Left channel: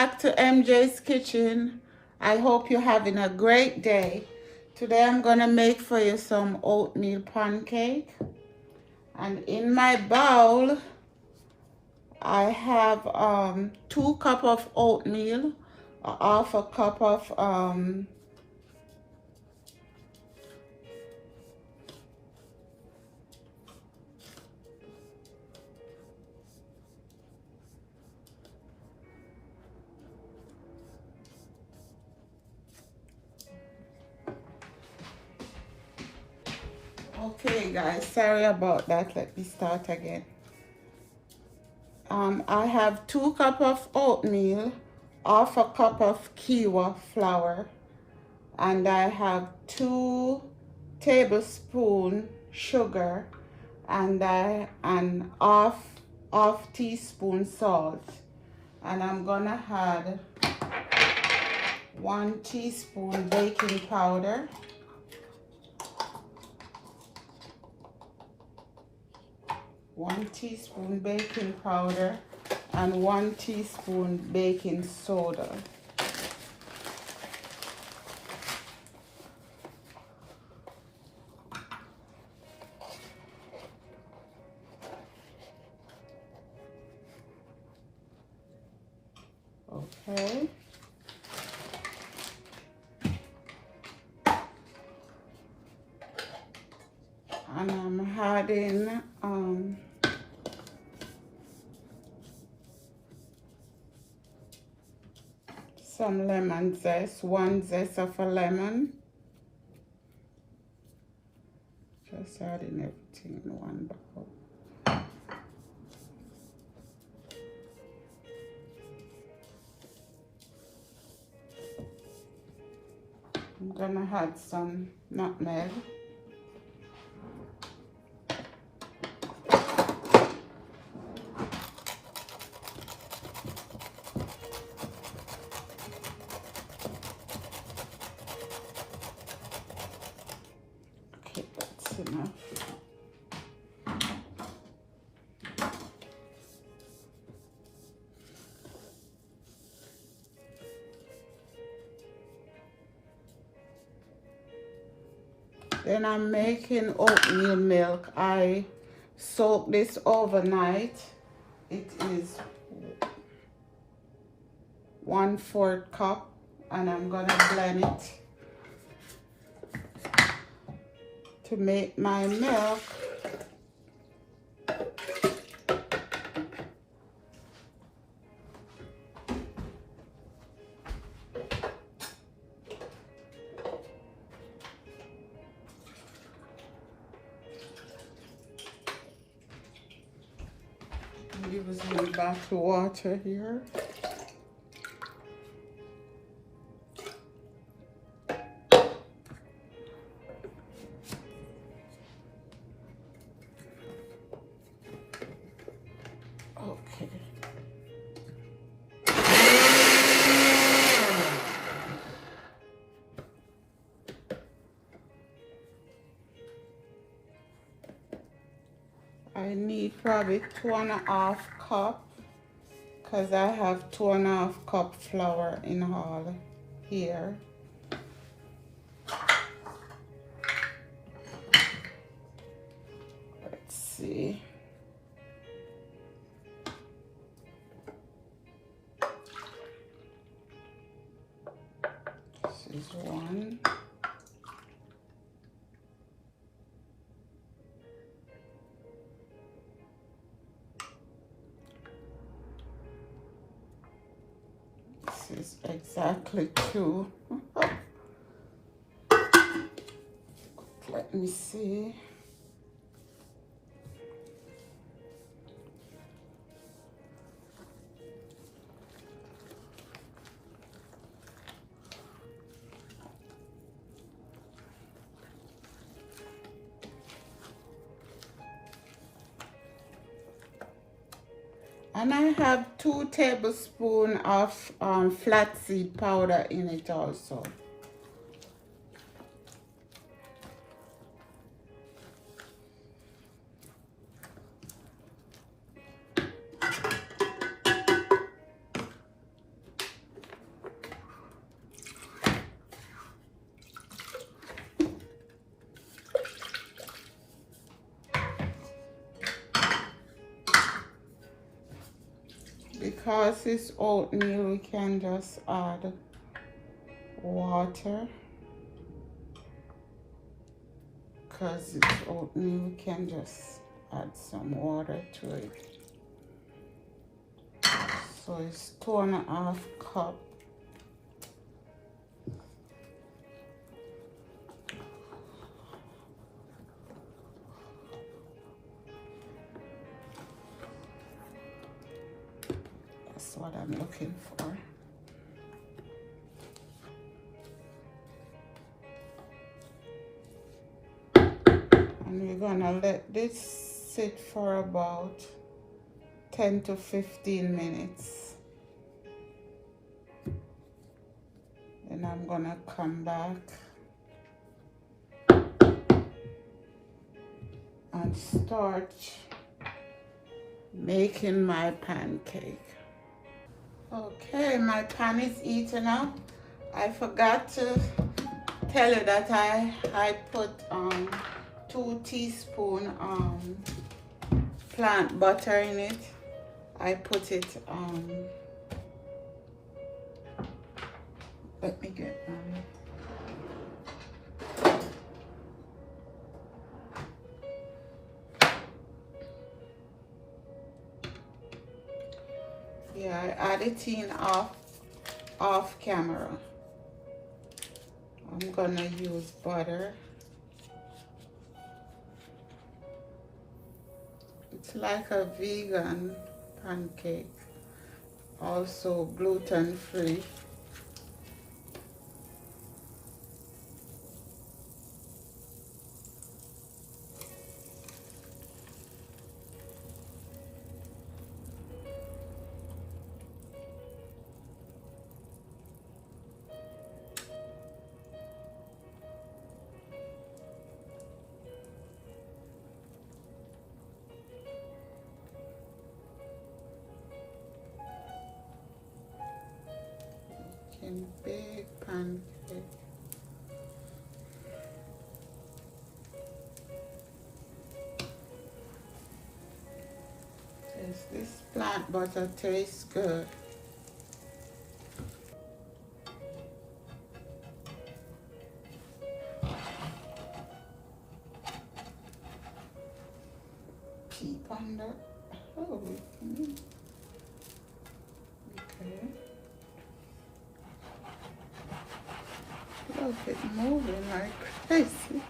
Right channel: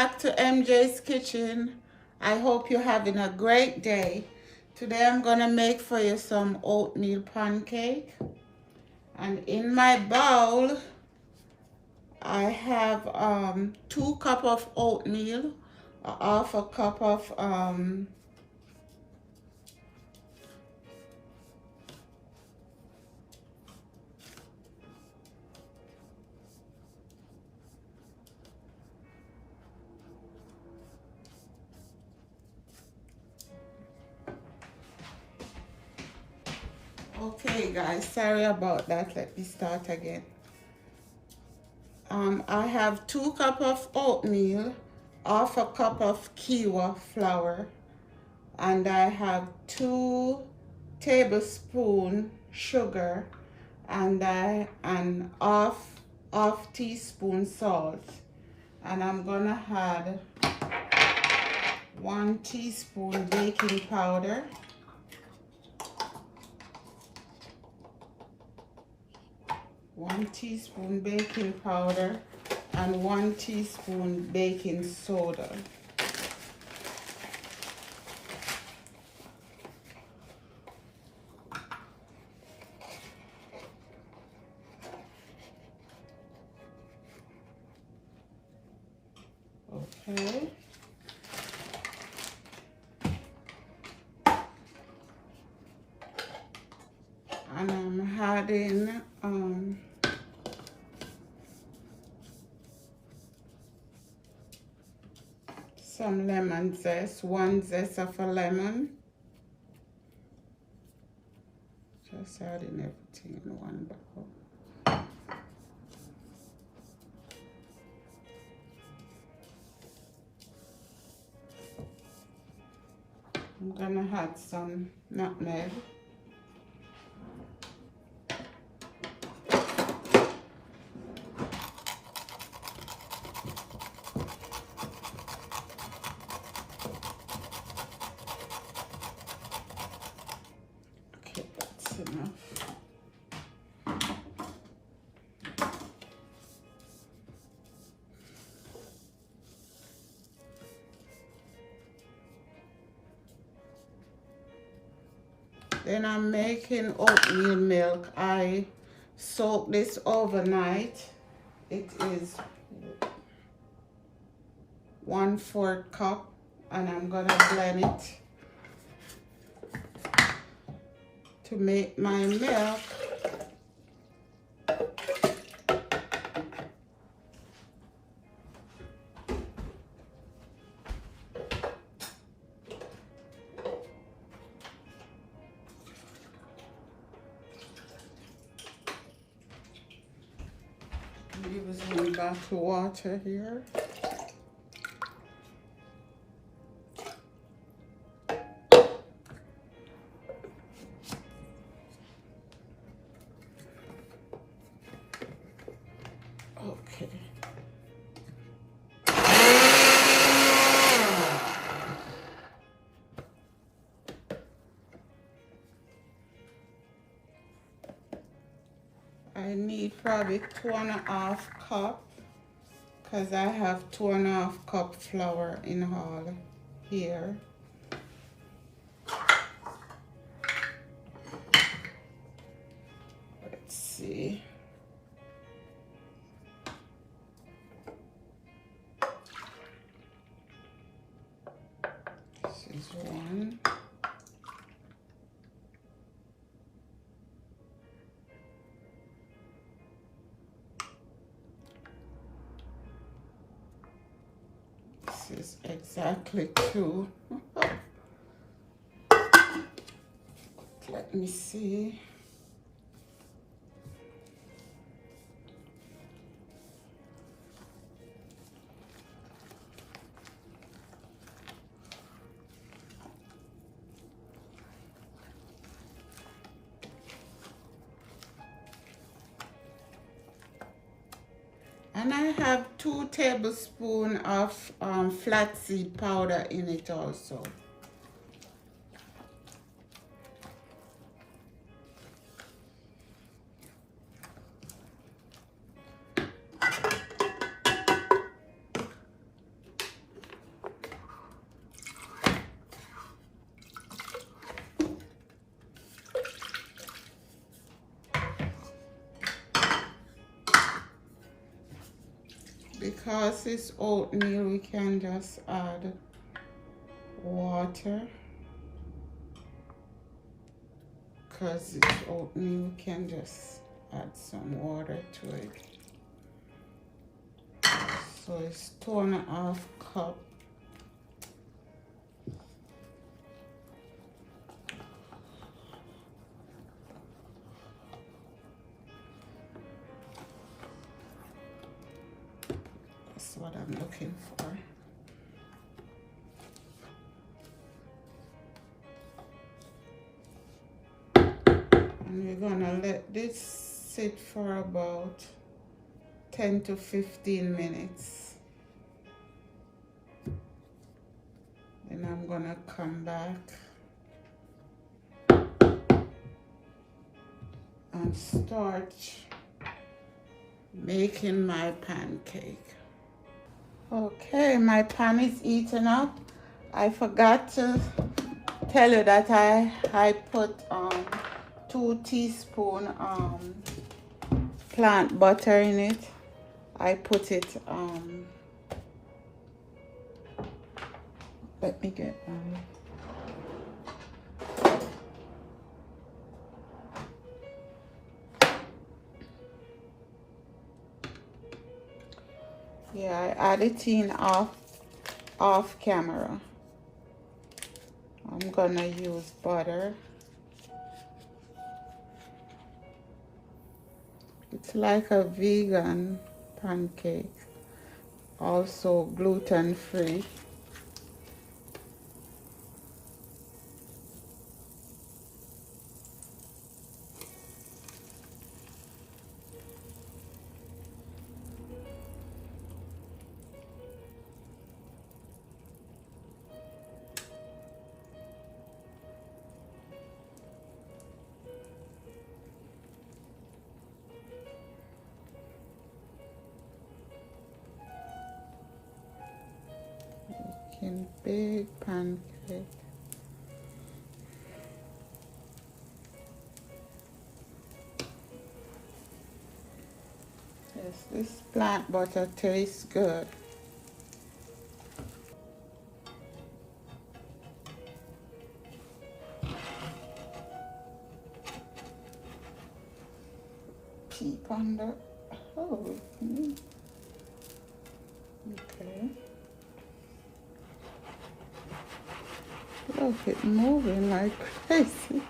back to MJ's Kitchen. I hope you're having a great day. Today I'm gonna make for you some oatmeal pancake. And in my bowl, I have 2 cups of oatmeal, half a cup of okay guys, sorry about that. Let me start again. I have 2 cups of oatmeal, half a cup of quinoa flour, and I have 2 tablespoons sugar, and half teaspoon salt, and I'm gonna add 1 teaspoon baking powder, 1 teaspoon baking powder, and 1 teaspoon baking soda. Okay. And I'm adding some lemon zest, 1 zest of a lemon. Just adding everything in one bowl. I'm gonna add some nutmeg. Okay, that's enough. Then I'm making oatmeal milk. I soak this overnight. It is 1/4 cup, and I'm gonna blend it to make my milk. Using bottled water here. Okay. I need probably 2.5 cups, because I have 2.5 cup flour in all here. Let's see. This is 1. This is exactly 2. Let me see. And I have 2 tablespoons of flaxseed powder in it also. because it's oatmeal, we can just add water. Because it's oatmeal, we can just add some water to it. So it's 2.5 cups. That's what I'm looking for. And we're gonna let this sit for about 10 to 15 minutes. Then I'm gonna come back and start making my pancake. Okay, my pan is heating up. I forgot to tell you that I put 2 teaspoons plant butter in it. I put it let me get one. Yeah, I add it in off camera. I'm gonna use butter. It's like a vegan pancake, also gluten free. Big pancake. This plant butter tastes good. Keep under. Oh, okay. Look, it's moving like crazy.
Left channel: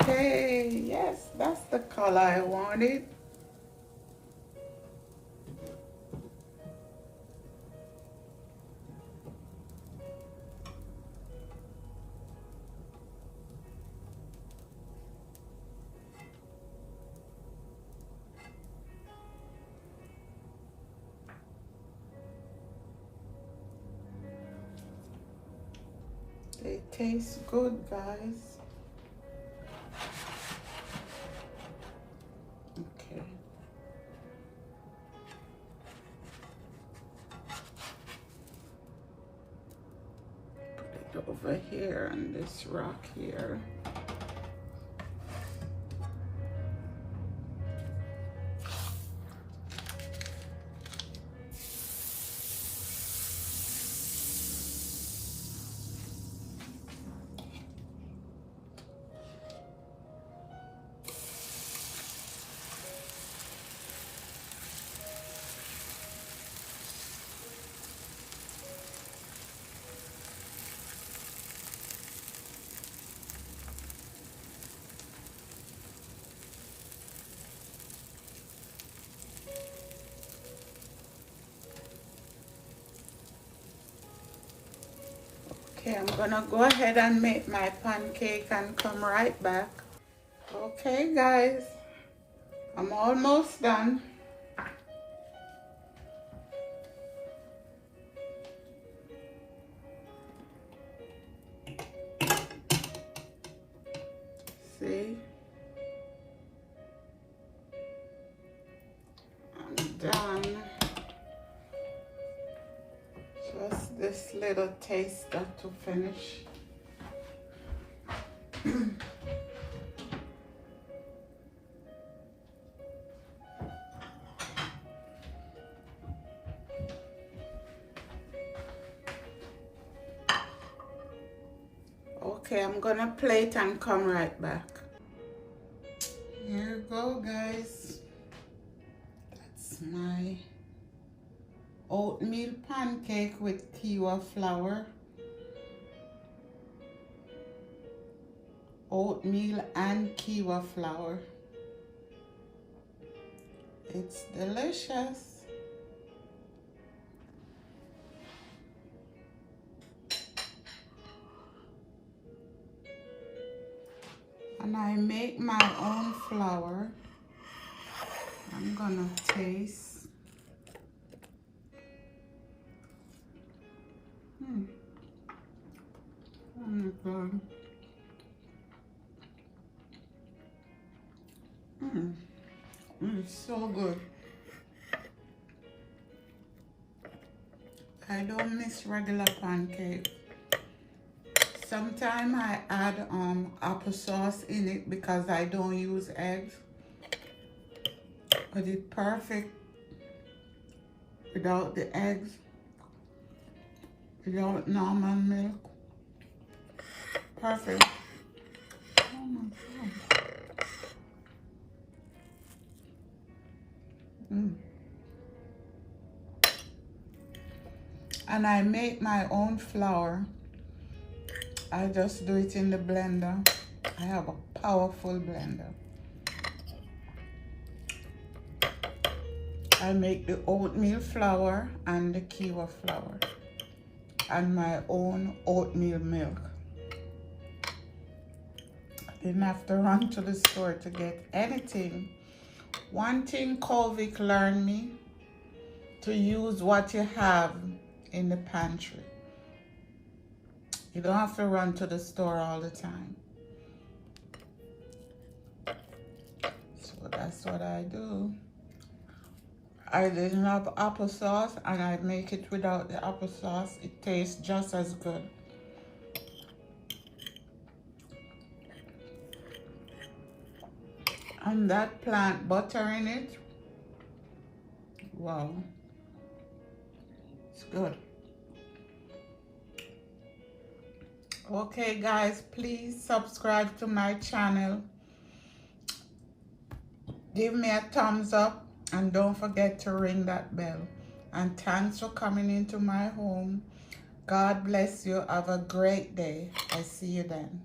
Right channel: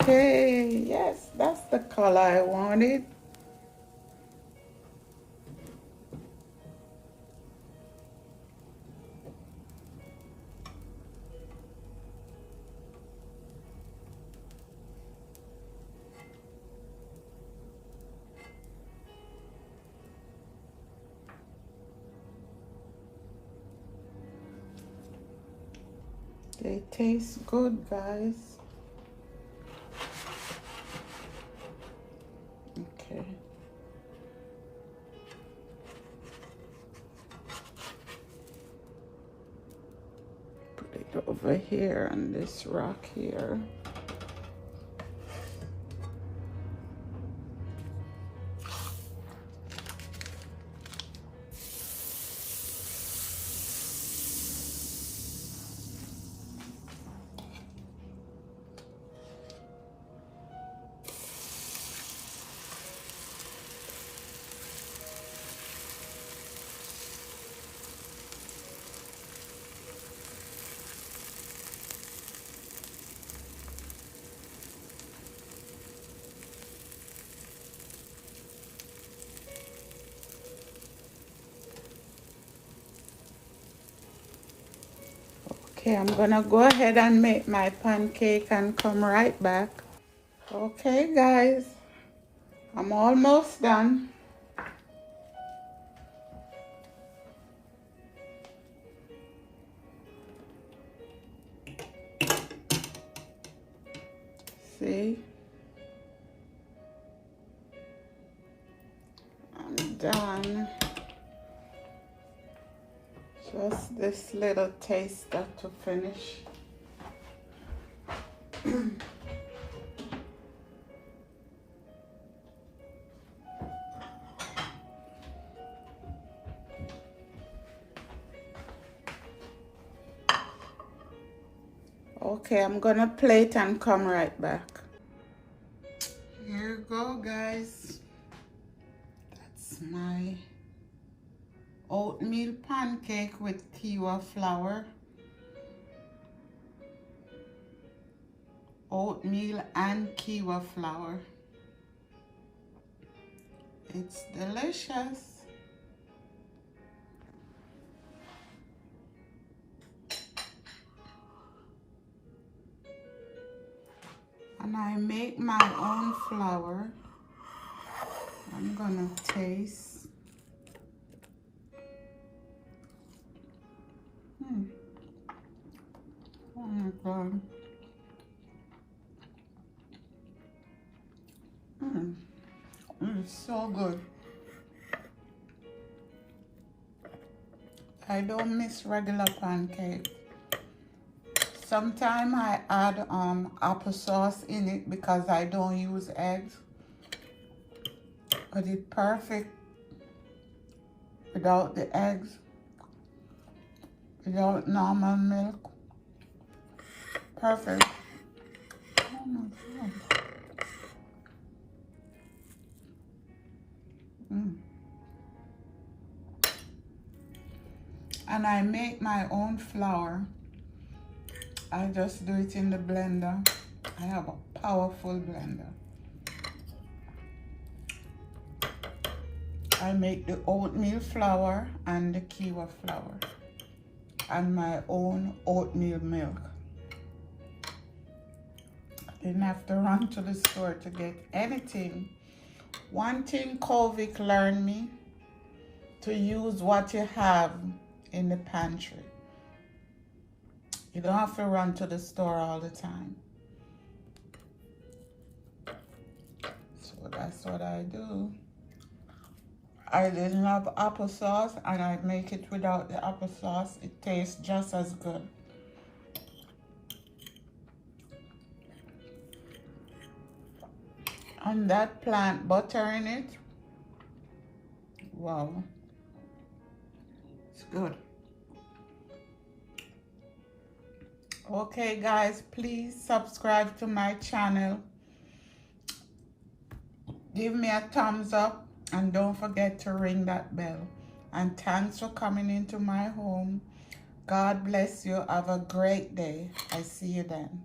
Okay, yes, that's the color I wanted. They taste good, guys. Okay. Put it over here on this rock here. Okay, I'm gonna go ahead and make my pancake and come right back. Okay, guys, I'm almost done. See? I'm done. Just this little taster to finish. Okay, I'm gonna plate and come right back. Here you go, guys. That's my oatmeal pancake with quinoa flour. Oatmeal and quinoa flour. It's delicious. And I make my own flour. I'm gonna taste. Oh my God. It's so good. I don't miss regular pancake. Sometimes I add applesauce in it because I don't use eggs. But it's perfect without the eggs, without normal milk. Perfect. Oh my God. And I make my own flour. I just do it in the blender. I have a powerful blender. I make the oatmeal flour and the quinoa flour and my own oatmeal milk. I didn't have to run to the store to get anything. One thing Kovic learned me, to use what you have in the pantry. You don't have to run to the store all the time. So that's what I do. I didn't have applesauce and I make it without the applesauce. It tastes just as good. And that plant butter in it, wow, it's good. Okay guys, please subscribe to my channel. Give me a thumbs up and don't forget to ring that bell. And thanks for coming into my home. God bless you. Have a great day. I see you then.